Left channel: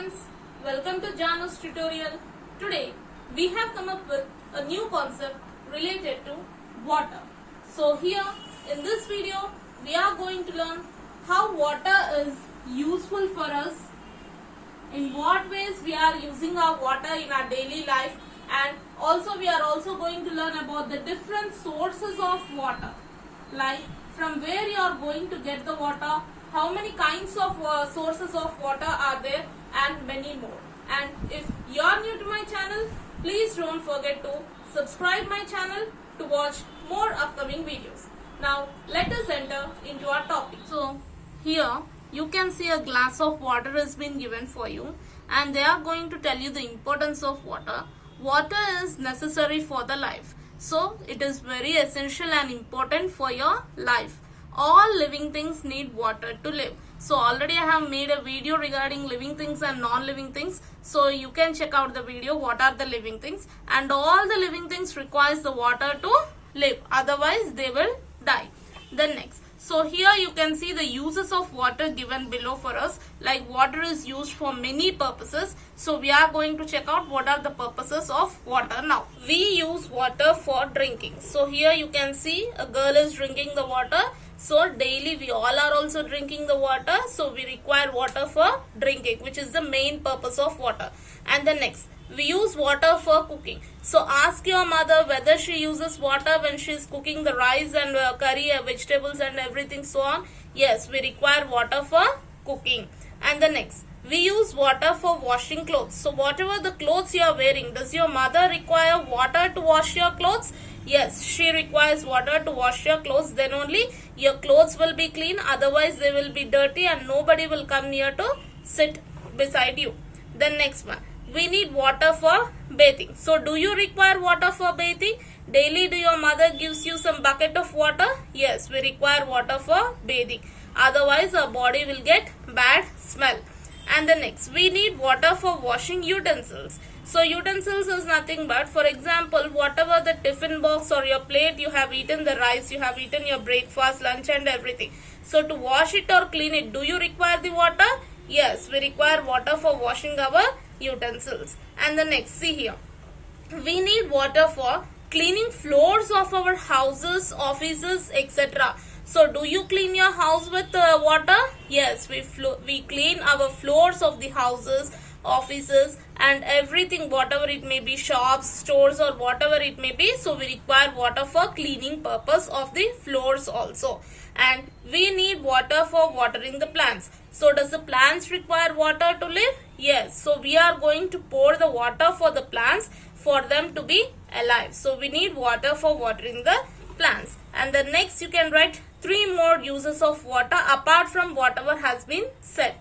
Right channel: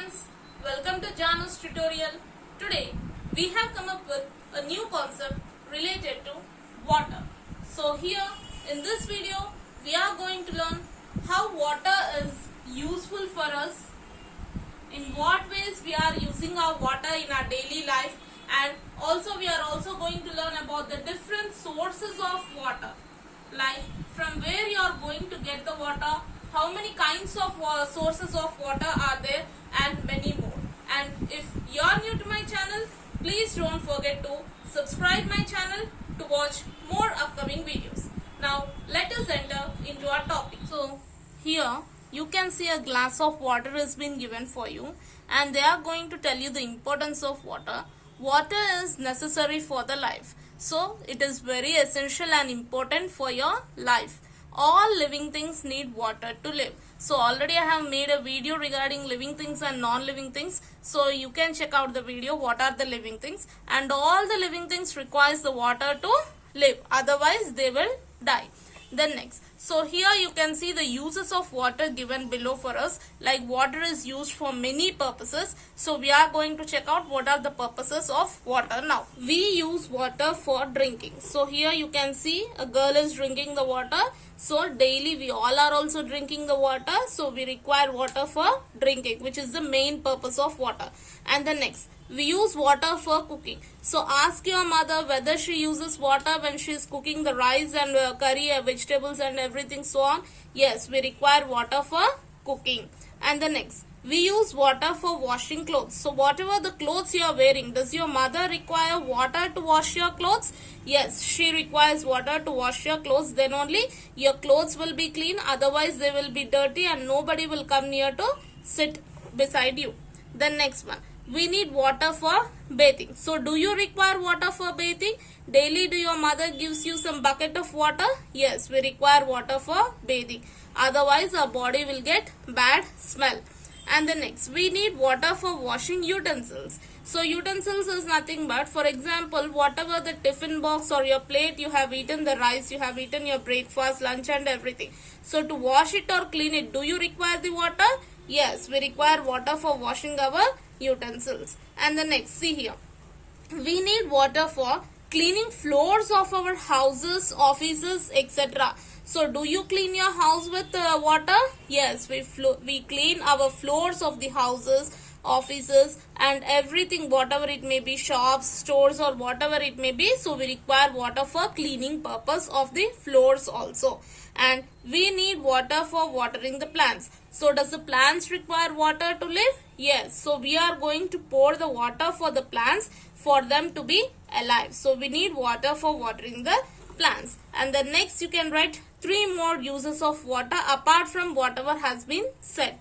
friends, welcome to Janu's tutorial. Today we have come up with a new concept related to water. So here in this video we are going to learn how water is useful for us, in what ways we are using our water in our daily life, and also we are also going to learn about the different sources of water, like from where you are going to get the water, how many kinds of sources of water are there, and many more. And if you are new to my channel, please don't forget to subscribe my channel to watch more upcoming videos. Now let us enter into our topic. So here you can see a glass of water has been given for you, and they are going to tell you the importance of water. Water is necessary for the life. So it is very essential and important for your life. All living things need water to live. So already I have made a video regarding living things and non-living things. So you can check out the video, what are the living things. And all the living things requires the water to live. Otherwise they will die. Then next. So here you can see the uses of water given below for us. Like water is used for many purposes. So we are going to check out what are the purposes of water now. We use water for drinking. So here you can see a girl is drinking the water. So daily we all are also drinking the water. So we require water for drinking, which is the main purpose of water. And the next. We use water for cooking. So ask your mother whether she uses water when she is cooking the rice and curry, vegetables and everything so on. Yes, we require water for cooking. And the next, we use water for washing clothes. So whatever the clothes you are wearing, does your mother require water to wash your clothes? Yes, she requires water to wash your clothes. Then only your clothes will be clean. Otherwise they will be dirty and nobody will come near to sit beside you. Then next one. We need water for bathing. So do you require water for bathing? Daily do your mother gives you some bucket of water? Yes, we require water for bathing. Otherwise our body will get bad smell. And the next, we need water for washing utensils. So utensils is nothing but, for example, whatever the tiffin box or your plate, you have eaten the rice, you have eaten your breakfast, lunch and everything. So to wash it or clean it, do you require the water? Yes, we require water for washing our utensils. And the next, see here, we need water for cleaning floors of our houses, offices, etc. So do you clean your house with water? Yes, we clean our floors of the houses, offices and everything, whatever it may be, shops, stores or whatever it may be. So we require water for cleaning purpose of the floors also. And we need water for watering the plants. So does the plants require water to live? Yes. So we are going to pour the water for the plants for them to be alive. So we need water for watering the plants. And the next you can write 3 more uses of water apart from whatever has been said.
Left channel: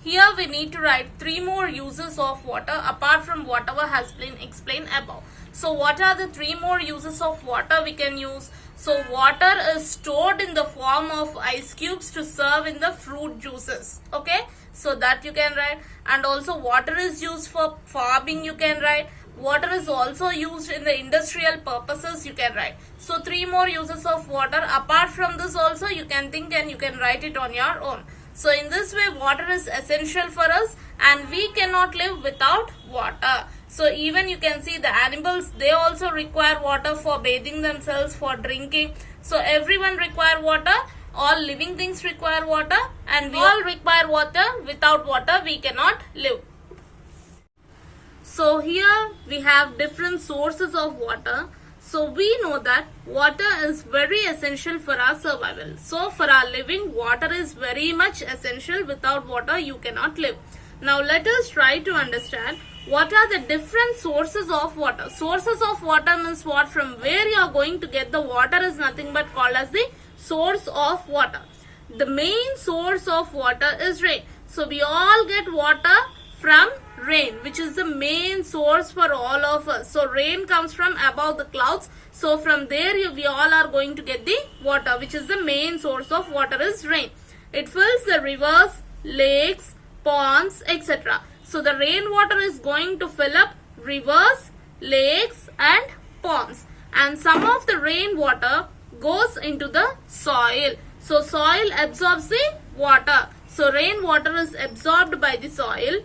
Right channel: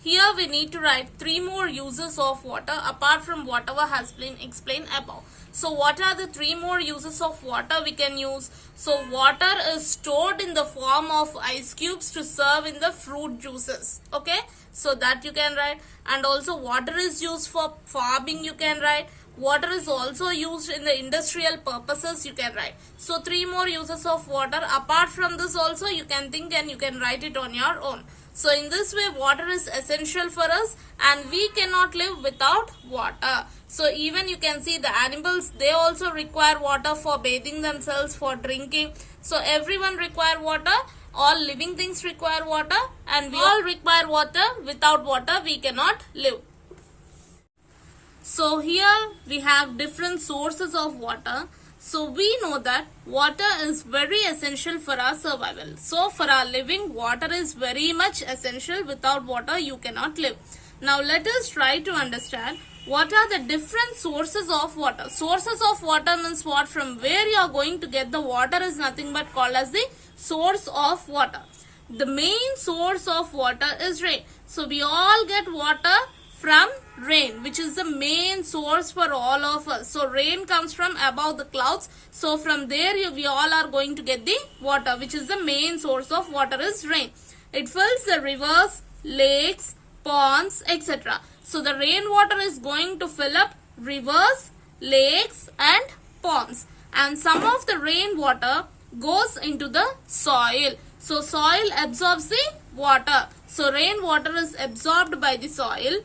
Here we need to write 3 more uses of water apart from whatever has been explained above. So what are the 3 more uses of water we can use? So water is stored in the form of ice cubes to serve in the fruit juices. Okay, so that you can write. And also water is used for farming, you can write. Water is also used in the industrial purposes, you can write. So 3 more uses of water. Apart from this also you can think and you can write it on your own. So in this way water is essential for us and we cannot live without water. So even you can see the animals, they also require water for bathing themselves, for drinking. So everyone require water. All living things require water and we all require water. Without water we cannot live. So here we have different sources of water. So we know that water is very essential for our survival. So for our living, water is very much essential. Without water you cannot live. Now let us try to understand what are the different sources of water. Sources of water means what? From where you are going to get the water is nothing but called as the source of water. The main source of water is rain. So we all get water from rain, which is the main source for all of us. So rain comes from above the clouds. So from there we all are going to get the water, which is the main source of water is rain. It fills the rivers, lakes, ponds, etc. So the rainwater is going to fill up rivers, lakes and ponds. And some of the rainwater goes into the soil. So soil absorbs the water. So rainwater is absorbed by the soil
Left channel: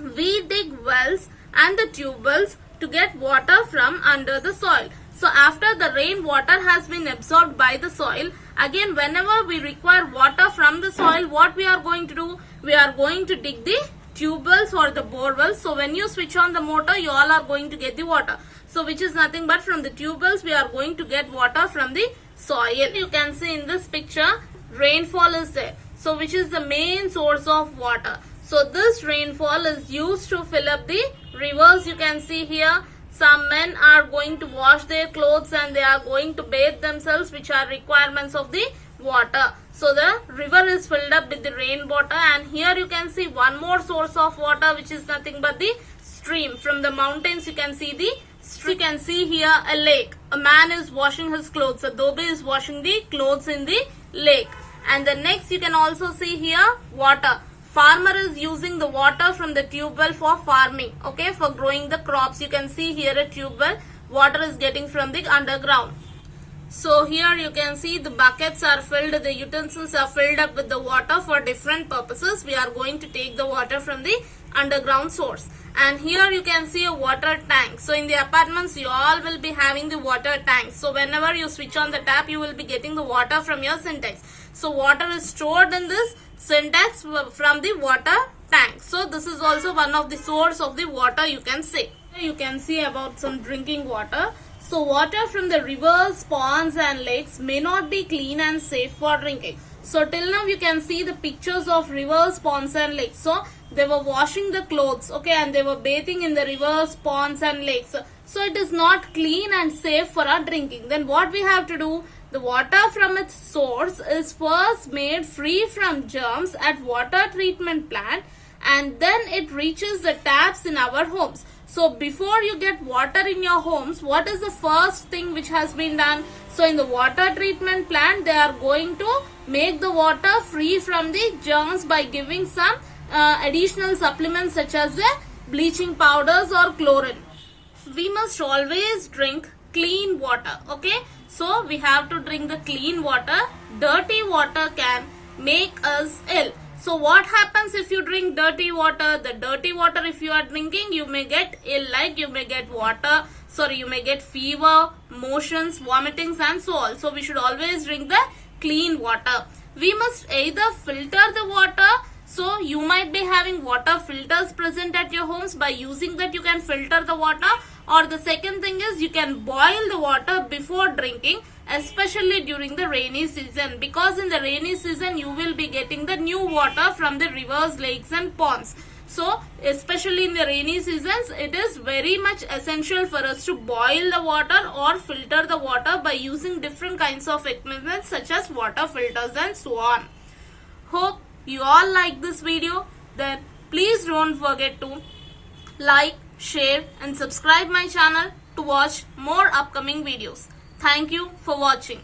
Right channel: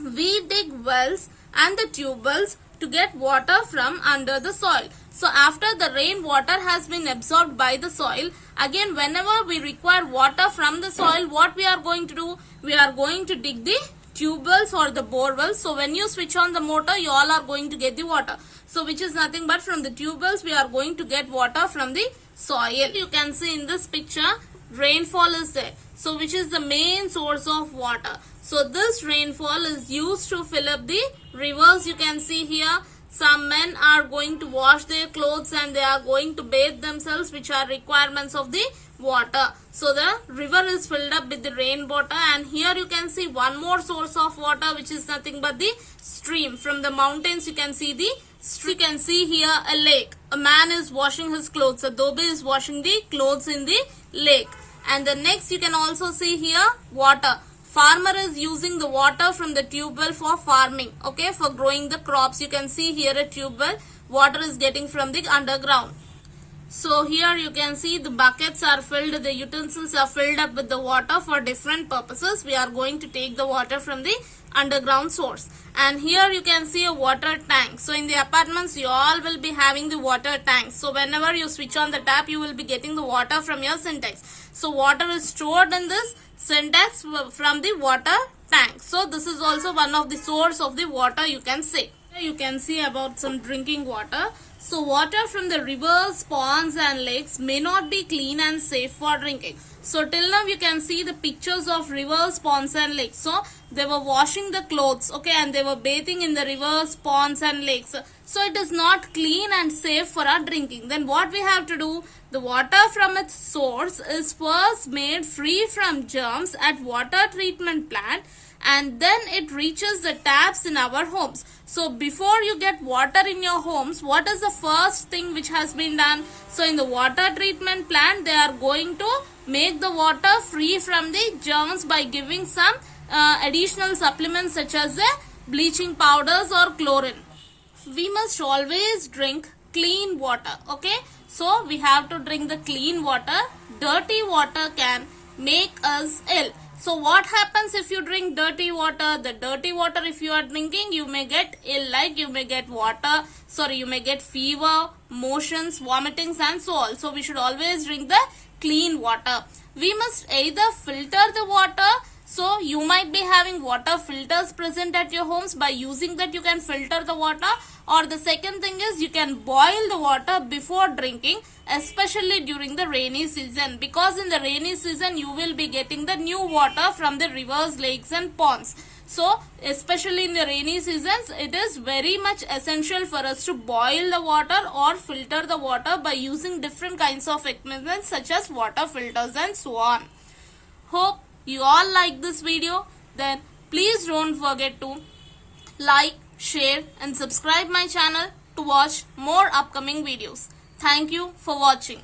we dig wells and the tube wells to get water from under the soil. So after the rain water has been absorbed by the soil, again whenever we require water from the soil, what we are going to do? We are going to dig the tube wells or the bore wells. So when you switch on the motor, you all are going to get the water. So which is nothing but from the tube wells, we are going to get water from the soil. You can see in this picture, rainfall is there. So which is the main source of water. So this rainfall is used to fill up the rivers. You can see here some men are going to wash their clothes and they are going to bathe themselves, which are requirements of the water. So the river is filled up with the rainwater, and here you can see one more source of water, which is nothing but the stream. From the mountains you can see the stream. You can see here a lake. A man is washing his clothes. A dhobi is washing the clothes in the lake. And the next you can also see here water. Farmer is using the water from the tube well for farming, okay, for growing the crops. You can see here a tube well, water is getting from the underground. So here you can see the buckets are filled, the utensils are filled up with the water for different purposes. We are going to take the water from the underground source. And here you can see a water tank. So in the apartments you all will be having the water tanks. So whenever you switch on the tap, you will be getting the water from your syntax. So water is stored in this syntax from the water tank. So this is also one of the source of the water, you can say. You can see about some drinking water. So water from the rivers, ponds and lakes may not be clean and safe for drinking. So till now you can see the pictures of rivers, ponds and lakes. So they were washing the clothes, okay, and they were bathing in the rivers, ponds and lakes. So it is not clean and safe for our drinking. Then what we have to do? The water from its source is first made free from germs at water treatment plant, and then it reaches the taps in our homes. So before you get water in your homes, what is the first thing which has been done? So in the water treatment plant, they are going to make the water free from the germs by giving some additional supplements such as bleaching powders or chlorine. We must always drink clean water, okay? So we have to drink the clean water. Dirty water can make us ill. So what happens if you drink dirty water? The dirty water, if you are drinking, you may get ill, like you may get you may get fever, motions, vomitings and so on. So we should always drink the clean water. We must either filter the water. So you might be having water filters present at your homes. By using that you can filter the water. Or the second thing is you can boil the water before drinking, especially during the rainy season, because in the rainy season you will be getting the new water from the rivers, lakes and ponds. So especially in the rainy seasons, it is very much essential for us to boil the water or filter the water by using different kinds of equipment such as water filters and so on. Hope you all like this video. Then please don't forget to like, share and subscribe my channel to watch more upcoming videos. Thank you for watching.